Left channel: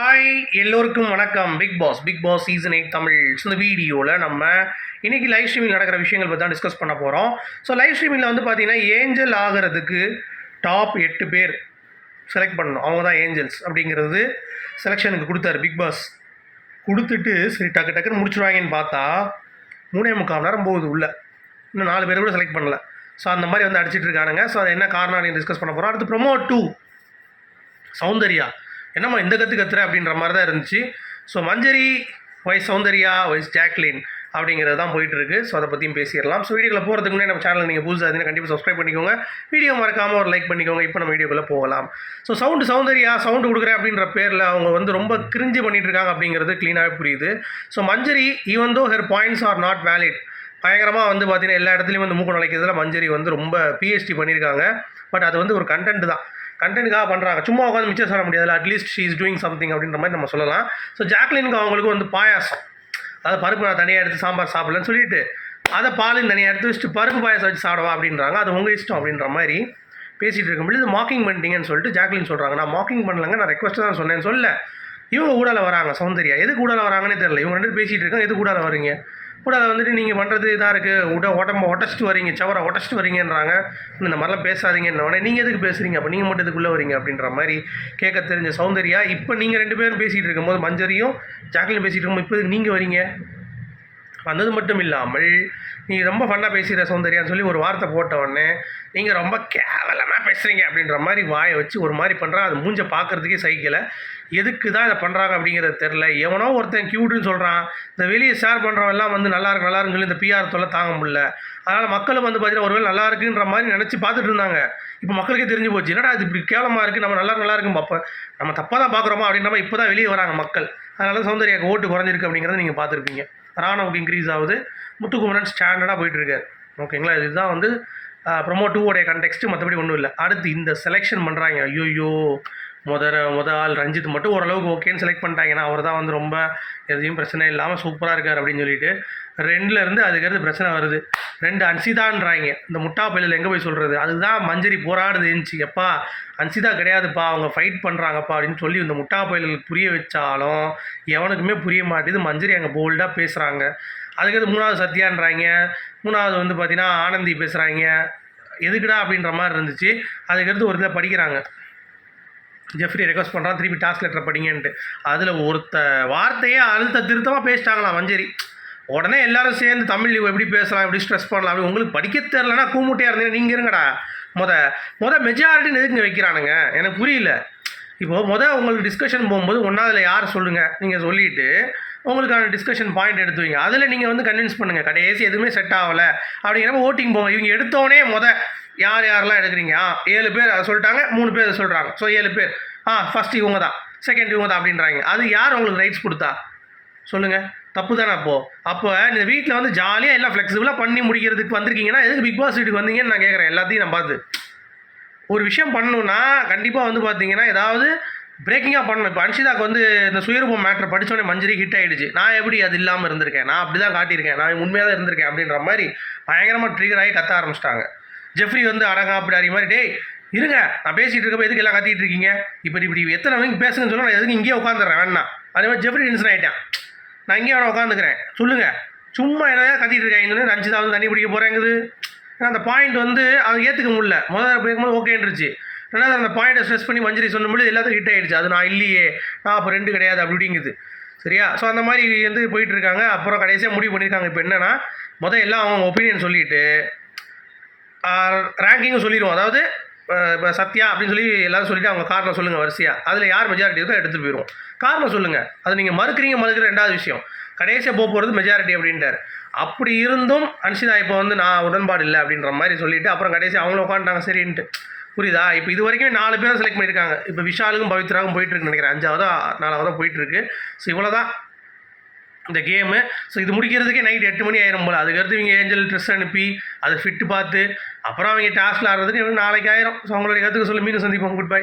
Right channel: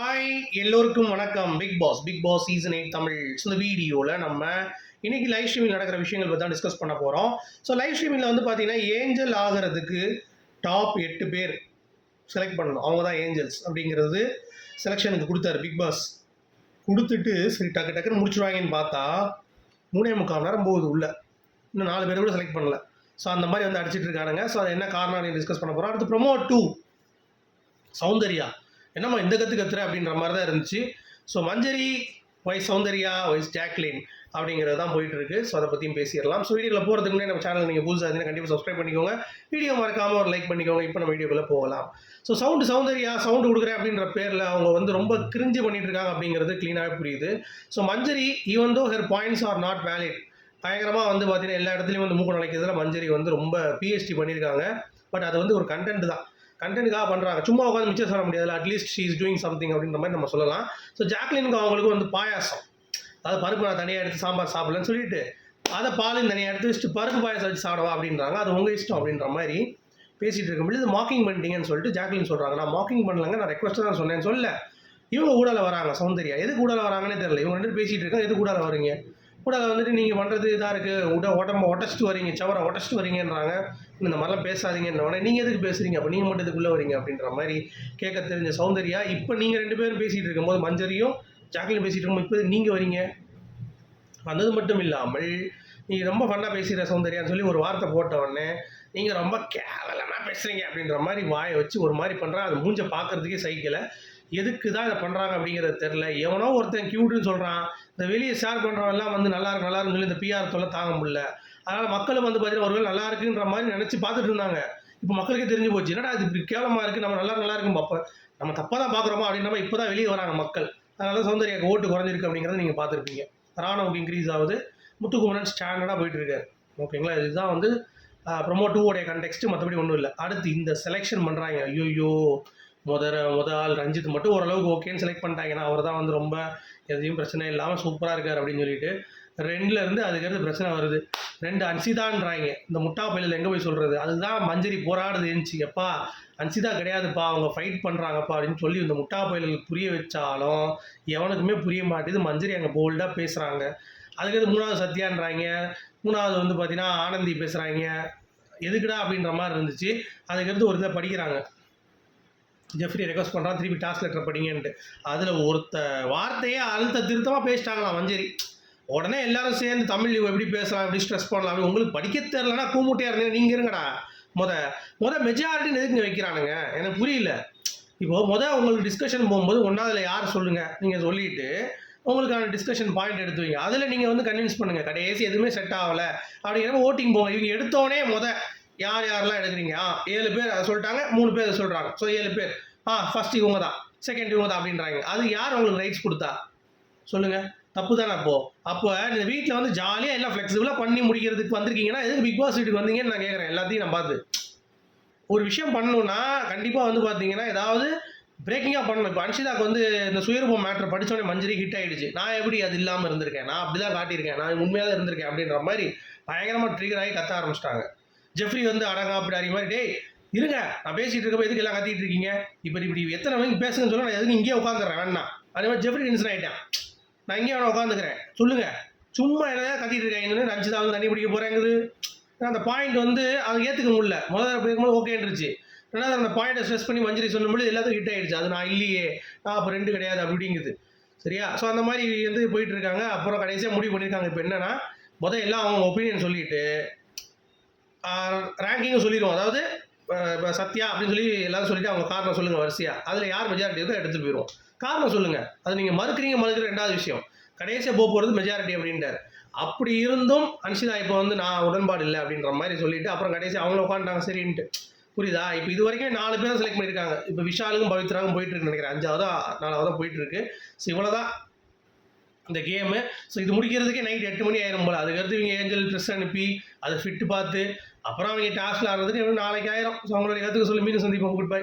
Hi எல்லோருக்கும் வணக்கம். Bigg Boss season 8 Tamil. இந்த வீடியோவில் நம்ம இன்னைக்கு லைவ் ஸ்ட்ரீமிங் நடக்கிற விஷயங்கள் பற்றி தான் டிஸ்கஸ் பண்ண போகிறோம். ஸோ லைவ் ஸ்ட்ரீமிங்கில் வந்து பார்த்தீங்கன்னா ஏஞ்சல் ஆகிறதுக்கு டாப் 8 பேர் செலக்ட் பண்ணணும். அவங்க தான் ஏஞ்சல்ஸ் அப்படிங்கிறது செலெக்ஷனுக்கு கொடுத்தாரு பிக் பாஸ். கொடுத்துட்டு சரி டக்குன்னு முடிச்சுடுவாங்கன்னு பார்த்தா 3.25 மணி நேரம் போகுது உள்ள. இன்னும் 4 பேர் கூட செலக்ட் பண்ணல. ஸோ அந்த மாதிரி வந்து அடிச்சிட்டு இருக்கானுங்க. ஸோ அது என்ன காரணம் டிஸ்கஸ் பண்ண போகிறோம். அடுத்து ப்ரோமோ 2 சௌந்தர்யா என்னம்மா இந்த கத்துற அப்படின்ற மாதிரி தான் இருந்துச்சு. ஸோ மஞ்சரி வைஸ் சௌந்தர்யா வைஸ் ஜாக்லின் அப்படிங்கிறது தான் போயிட்டு இருக்கு. ஸோ அதை பற்றியும் பேசிடலாம். ஸோ வீடியோவில் போகிறதுக்கு முன்னாடி நம்ம சேனல் நீங்கள் புதுசாக இருந்தீங்கன்னா கண்டிப்பாக சப்ஸ்கிரைப் பண்ணிக்கோங்க. வீடியோ மறக்காமல் ஒரு லைக் பண்ணிக்கோங்க. இப்போ நம்ம வீடியோக்குள்ளே போகலாம். ஸோ சௌந்தர்யா சவுண்டு கொடுக்குறேன் அப்படின்ற பேரில் அவங்க வந்து ரொம்ப கிரிஞ்சு பண்ணிட்டு இருக்காங்க அப்படிங்கிறது க்ளீனாகவே புரியுது. So Manjari even though her points are not valid, பயங்கரமாக வந்து பார்த்தீங்கன்னா எல்லா இடத்துலையும் வந்து மூக்கு நுழைக்கிறதுல மஞ்சரி வந்து ரொம்ப பிஹெச்டி பண்ணியிருக்காங்க. பட் அது வந்து ஒரு கண்டென்ட் தான், கண்டென்ட்டுக்காக பண்ணுறாங்க. சும்மா உட்காந்து மிச்சம் சொல்ல முடியாது. At least she is doing something அப்படின்ற மாதிரி நம்ம சொல்லலாம். ஸோ ஜாக்லினுக்கு அவங்களுக்கு வந்து பாயாசம், அதாவது பருப்பு நான் தனியாக எடுத்து சாம்பார் சாப்பிடலன்னு சொல்லிட்டு அதை பாலின் தனியாக எடுத்து வச்சுட்டு பருப்பு பாயாசம் வச்சு சாப்பிடவா அப்படின்றாங்க. அது உங்கள் இஷ்டம் அப்படின்ற மாதிரி பேசிகிட்டு இருக்கும்போது இது மார்க்கிங் பண்ணிட்டீங்கன்னு சொல்லிட்டு ஜாக்லின் சொல்கிறாங்க. நான் மார்க்கிங் பண்ணலங்க, நான் ரெக்வஸ்ட்டாக தான் சொன்னேன்னு சொல்ல இவங்க ஊடால வராங்க. சௌந்தர்யா எது கூடால வராங்கன்னே தெரியல. இவங்க ரெண்டு பேசிகிட்டு இருக்காங்க, எது கூடால வரீங்க, கூட வந்துட்டு நீங்கள் பண்ணுறது இதாக இருக்குது, உடம்பை ஒட்டச்சிட்டு வரீங்க, சவரை ஒட்டச்சிட்டு வரீங்கன்றாங்க. இந்த மாதிரிலாம் பேசாதீங்கன்னு நீங்கள் எதுக்கு பேசுகிறீங்க, அப்போ நீங்கள் மட்டும் இதுக்குள்ளே வரீங்க அப்படின்ற மாதிரி கேட்க தெரிஞ்ச சௌந்தர்யா இப்போ நீங்கள் 2 பேரும் பேசிகிட்டு இருக்கும்போது மஞ்சரியும் ஜாக்லின் பேசிகிட்டு இருக்கும்போது இப்போ நீங்கள் வரீங்க. வந்தது மட்டும் இல்லாமல் நீங்கள் ரொம்ப ஃபன்னாக பேசுகிற சௌந்தர்யான்னு சொல்லி ஒரு வார்த்தை போட்ட உடனே நீங்கள் ரொம்ப கேவலமாக பேசுகிறீங்க அப்படின்ற மாதிரி வாயை வச்சு ஒரு மாதிரி பண்ணுறான். அது மூஞ்சை பார்க்குறதுக்கே சைக்கிளை. எதுக்கு தான் இதை பண்ணுறாங்க அப்படிங்கிறது தெரில. எவனோ ஒருத்தன் க்யூட்டுன்னு சொல்கிறான், இந்த வெளியே ஷேர் பண்ணுறவெல்லாம் வந்து நல்லா இருக்குன்னு சொல்லி இந்த பிஆர் தொல்லை தாங்க முடியல. அதனால் மக்களும் வந்து பார்த்தீங்கன்னா ஒருவேளை நல்லா இருக்குன்ற மாதிரி நினச்சி பார்த்துட்டு இருந்தாங்க. இப்போ மக்களுக்கே தெரிஞ்சு போச்சு, என்னடா அது இப்படி கேவலமாக இருக்குது, நம்ம நல்லா இருக்குன்னு பார்ப்போம், நம்ம தப்பாக தான் பார்க்குறோமா அப்படின்ற மாதிரி இப்போ தான் வெளியே வராங்க மக்கள். அதனால சௌந்தர்யாவுக்கு ஓட்டு குறைஞ்சிருக்கு அப்படிங்கிறத நீங்கள் பார்த்துருப்பீங்க. ராணுவுக்கு இன்க்ரீஸ் ஆகுது, முத்துக்குமரன் ஸ்டாண்டர்டாக போயிட்டுருக்காரு. ஓகேங்களா, இதுதான் வந்து ப்ரோமோ 2 கண்டெக்ஸ்ட்டு, மற்றபடி ஒன்றும் இல்லை. அடுத்து இந்த செலெக்ஷன் பண்ணுறாங்க. ஐயோ முத ஆள் ரஞ்சித் மட்டும் ஓரளவுக்கு ஓகேன்னு செலக்ட் பண்ணிட்டாங்கன்னா அவர் தான் வந்து ரொம்ப எதையும் பிரச்சனை இல்லாமல் சூப்பராக இருக்கார் அப்படின்னு சொல்லிட்டு 2லேருந்து அதுக்கடுத்து பிரச்சனை வருது. 2 அன்சிதான்றாங்க. இந்த முட்டா பள்ளியில் எங்கே போய் சொல்கிறது, அதுதான் மஞ்சரி போராடுது இருந்துச்சு. எப்பா அன்சிதா கிடையாதுப்பா, அவங்க ஃபைட் பண்ணுறாங்கப்பா அப்படின்னு சொல்லி இந்த முட்டா பள்ளிகளுக்கு புரிய வச்சாலும் எவனுக்குமே புரிய மாட்டேது. மஞ்சரி அங்கே போல்டாக பேசுகிறாங்க. அதுக்கடுத்து 3வது சத்யான்றாங்க, 3வது வந்து பார்த்தீங்கன்னா ஆனந்தி பேசுகிறாங்க. எதுக்குடா அப்படின்ற மாதிரி இருந்துச்சு. அதுக்கடுத்து ஒரு இதில் படிக்கிறாங்க, ஜெஃப்ரி ரெக்வஸ்ட் பண்ணுறான் திருப்பி டாஸ்க் லெட்டர் படிங்கன்ட்டு. அதில் ஒருத்த வார்த்தையே அழுத்த திருத்தமாக பேசிட்டாங்களாம் மஞ்சரி. உடனே எல்லாரும் சேர்ந்து தமிழ் எப்படி பேசலாம், எப்படி ஸ்ட்ரெஸ் பண்ணலாம் அப்படி. உங்களுக்கு படிக்க தெரிலனா கூமுட்டையாக இருந்தீங்க நீங்கள் இருங்கடா. முத மெஜாரிட்டின்னு எதுக்கு வைக்கிறானுங்க எனக்கு புரியல. இப்போது உங்களுக்கு டிஸ்கஷன் போகும்போது ஒன்றாவதுல யார் சொல்லுங்கள், நீங்கள் சொல்லிவிட்டு உங்களுக்கான டிஸ்கஷன் பாயிண்ட் எடுத்து வைங்க. அதில் நீங்கள் வந்து கன்வின்ஸ் பண்ணுங்கள். கடைசி எதுவுமே செட் ஆகலை அப்படிங்கிறப்ப ஓட்டிங் போங்க. இவங்க எடுத்தோடனே யாரெல்லாம் எடுக்கிறீங்க, 7 பேர் அதை சொல்லிட்டாங்க, 3 பேர் அதை சொல்கிறாங்க. ஸோ 7 பேர் ஃபஸ்ட் இவங்க தான், செகண்ட் இவங்க தான் அப்படின்றாங்க. அது யார் உங்களுக்கு ரைட்ஸ் கொடுத்தா சொல்லுங்கள், தப்பு தானே? அப்போ இந்த வீட்டில் வந்து ஜாலியாக எல்லாம் ஃப்ளெக்சிபிளாக பண்ணி முடிக்கிறதுக்கு வந்திருக்கீங்கன்னா எதுக்கு பிக் பாஸ் வீட்டுக்கு வந்தீங்கன்னு நான் கேட்குறேன். எல்லாத்தையும் நான் பார்த்து ஒரு விஷயம் பண்ணணுன்னா கண்டிப்பாக வந்து பார்த்தீங்கன்னா ஏதாவது பிரேக்கிங்காக பண்ணணும். இப்போ அன்ஷிதாக்கு வந்து இந்த சுயரூபம் மேட்ரு படித்தோடனே மஞ்சரி ஹிட் ஆகிடுச்சு. நான் எப்படி அது இல்லாமல் இருந்திருக்கேன், நான் அப்படி தான் காட்டியிருக்கேன், நான் உண்மையாக தான் இருந்திருக்கேன் அப்படின்ற மாதிரி பயங்கரமாக ட்ரிகர் ஆகி கத்த ஆரம்பிச்சிட்டாங்க. ஜெஃப்ரி வந்து அடங்கா அப்படி அறி மாதிரி, டேய் இருங்க நான் பேசிகிட்டு இருக்கப்போ எதுக்கு எல்லாம் கத்திட்டு இருக்கீங்க, இப்படி எத்தனை மணிக்கு பேசுங்கன்னு சொல்ல நான் எதுக்கு இங்கேயே உட்காந்துறேன் வேணா. அதே மாதிரி ஜெஃப்ரி டென்ஷன் ஆகிட்டேன், நான் இங்கேயே வேணா உட்காந்துக்கிறேன், சொல்லுங்கள் சும்மா எதாவது கத்திட்டு இருக்காங்கன்னு. ரஞ்சிதா வந்து தண்ணி பிடிக்க போகிறேங்குது. ஏன்னா அந்த பாயிண்ட் வந்து அதை ஏற்றுக்க முடியல. முதல்ல பேசும்போது ஓகேன்றுச்சு. ரெண்டாவது அந்த பாயிண்ட்டை ஸ்ட்ரெஸ் பண்ணி மஞ்சரி சொல்லும்போது எல்லாத்துக்கும் ஹிட் ஆகிடுச்சு. அது நான் இல்லையே, நான் அப்போ 2 கிடையாது அப்படிங்குது. சரியா? ஸோ அந்த மாதிரி வந்து போயிட்டுருக்காங்க. அப்புறம் கடைசியாக முடிவு பண்ணியிருக்காங்க. இப்போ என்னென்னா எல்லாம் அவங்க ஒப்பீனியன் சொல்லிவிட்டு ரேங்கிங்கும் சொல்லிடுவோம். அதாவது இப்போ சத்யா அப்படின்னு சொல்லி எல்லாரும் சொல்லிவிட்டு அவங்க காரணம் சொல்லுங்கள் வரிசையாக. அதில் யார் மெஜாரிட்டி இருக்கோ எடுத்துகிட்டு போயிடுவோம். காரணம் சொல்லுங்கள். அது நீங்கள் மறுக்கிற 2வது விஷயம். கடைசியாக போகிறது மெஜாரிட்டி அப்படின்ட்டார். அப்படி இருந்தும் அன்ஷிதா இப்போ வந்து நான் உடன்பாடு இல்லை அப்படின்ற மாதிரி சொல்லிவிட்டு அப்புறம் கடைசி அவங்கள உட்காந்துட்டாங்க. சரின்ட்டு புரியுதா? இப்போ இது வரைக்கும் 4 பேர் செலக்ட் பண்ணியிருக்காங்க. இப்போ விஷாலுக்கும் பவித்ராவுக்கும் போயிட்டுருக்குன்னு நினைக்கிறேன். 5வதா 4வதா போயிட்டுருக்கு. ஸோ இவ்வளோ தான் இந்த கேமு. ஸோ இது முடிக்கிறதுக்கே நைட் 8 மணி ஆயிரும் போல். அதுக்கடுத்து இவங்க ஏஞ்சல் ட்ரெஸ் அனுப்பி அதை ஃபிட்டு பார்த்து அப்புறம் அவங்க டாஸ்கில் ஆடுறதுக்கு நாளைக்கு ஆயிரும். ஸோ அவங்களுடைய கற்றுக்க சொல்லி மீண்டும் சந்திப்போம். Good bye.